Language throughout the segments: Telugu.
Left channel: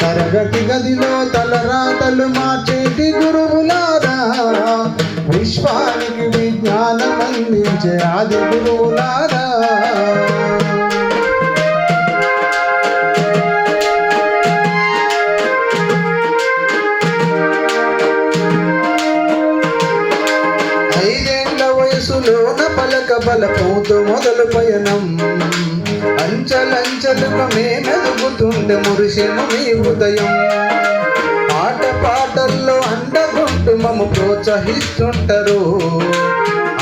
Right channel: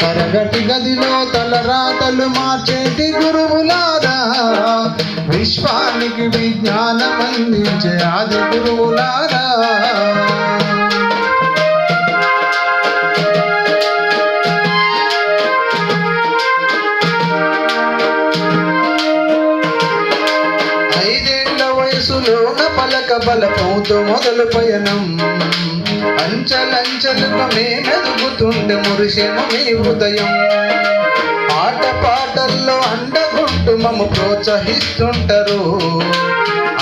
తరగతి గదిలో తలరాతలు మార్చేటి గురువులారా, విశ్వానికి విజ్ఞానం అందించే ఆది గురువులారా. బలపంతో మొదలు పయనం అంచలంచలుగా మేమెదుగుతుండే మురిసెను మీ హృదయం. ఆట పాటల్లో అండగుంటూ మమ్ము ప్రోత్సహిస్తుంటారు.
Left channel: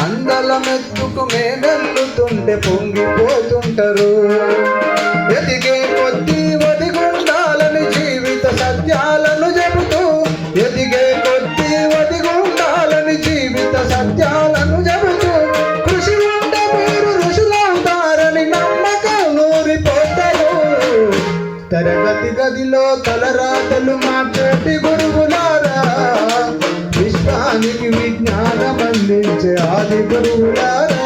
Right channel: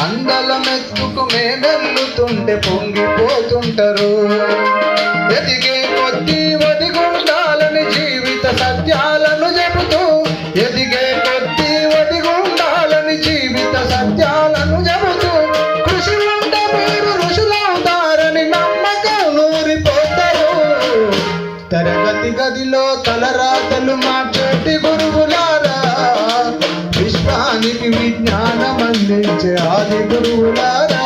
అందలమెత్తుకు మేమెల్లుతుంటే పొంగిపోతుంటారు. ఎదిగే కొద్దీ ఒదిగుండాలని జీవిత సత్యాలను చెబుతూ, ఎదిగే కొద్దీ ఒదిగుండాలని జీవిత సత్యాలను చెబుతూ, తరగతి గదిలో తలరాతలు మార్చేటి గురువులారా, విశ్వానికి విజ్ఞానం అందించే ఆది గురువులారా.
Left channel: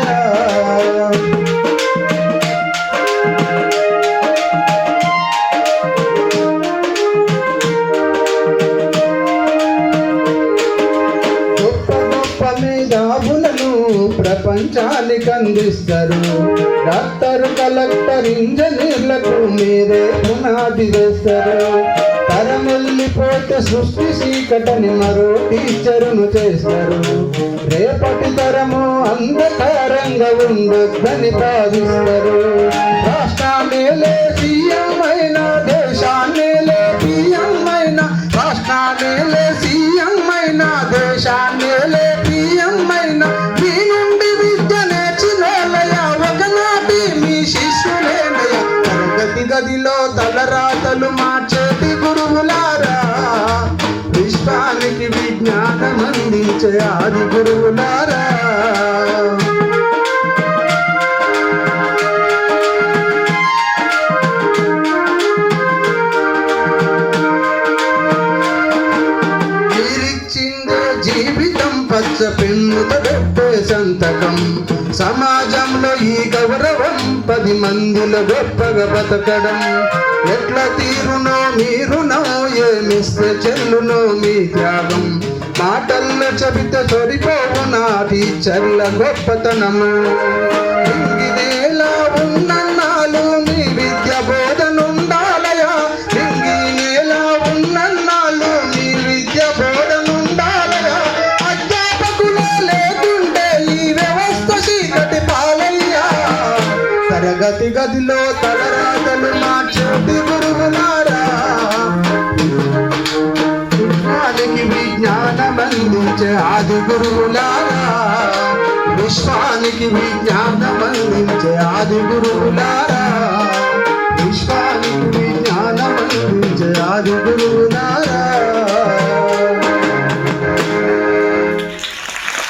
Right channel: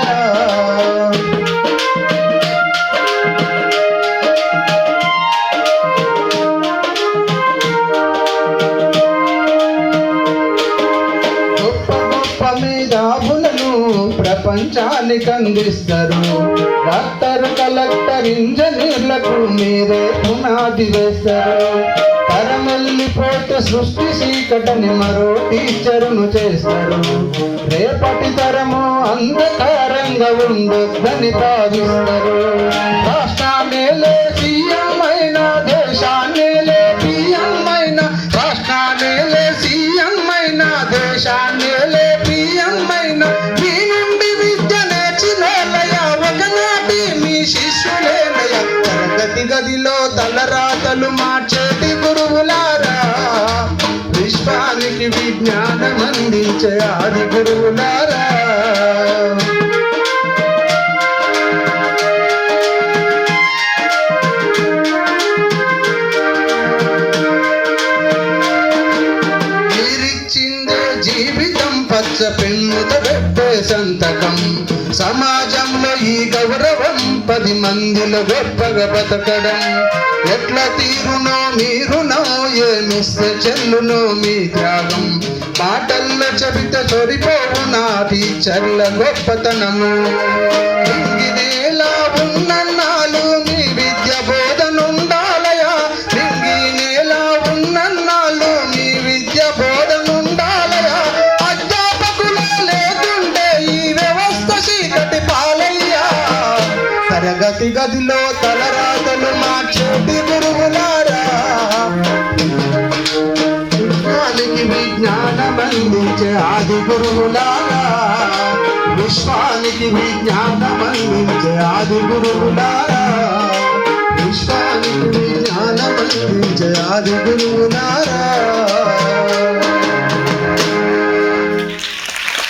గొప్ప గొప్ప మేధావులను ప్రపంచానికి అందిస్తారు. డాక్టర్, కలెక్టర్, ఇంజనీర్లకు మీరే పునాది వేస్తారు. తరమెల్లిపోతే సృష్టి చీకటని మరో టీచరును చేస్తారు. రేపటి తరము అంధకారంగా ఉండొద్దని భావిస్తారు. రాష్ట్రాన్నేలే సీఎం అయినా, దేశాన్నేలే పిఎం అయినా, రాష్ట్రాన్నేలే సీఎం అయినా, దేశాన్నేలే పిఎం అయినా, మీ నుండి విద్య నేర్చినోళ్ళయా ఒకనాటి మీ శిష్యులేనయా. తరగతి గదిలో తలరాతలు మార్చేటి గురువులారా, విశ్వానికి విజ్ఞానం అందించే ఆది గురువులారా. మీరిచ్చిందే జీవితం పచ్చ పెన్నుతో పెట్టే సంతకం. సమాజంలో ఈ గౌరవం 10 మందిలో గొప్పగా బతకడం. ఎట్ల తీరునో మీరునో, ఏమిస్తే చెల్లునో మీ త్యాగం. మాటల్లో చెబితే సరిపోవు నా టీచర్ల గొప్పతనము. ఇంగినేలా ఉన్నన్నాళ్ళు మీ విద్య బోధనుండాలయా, ఇంగినేలా ఉన్నన్నాళ్ళు మీ విద్య బోధనుండాలయా. అధ్యాపకులే లేకుంటే ఈ వ్యవస్థ చీకటి పాలయ్యా. తరగతి గదిలో తలరాతలు మార్చేటి గురువులారా, విశ్వానికి విజ్ఞానం అందించే ఆది గురువులారా, విశ్వానికి విజ్ఞానం అందించే ఆది గురువులారా, విశ్వానికి విజ్ఞానం అందించే ఆది గురువులారా.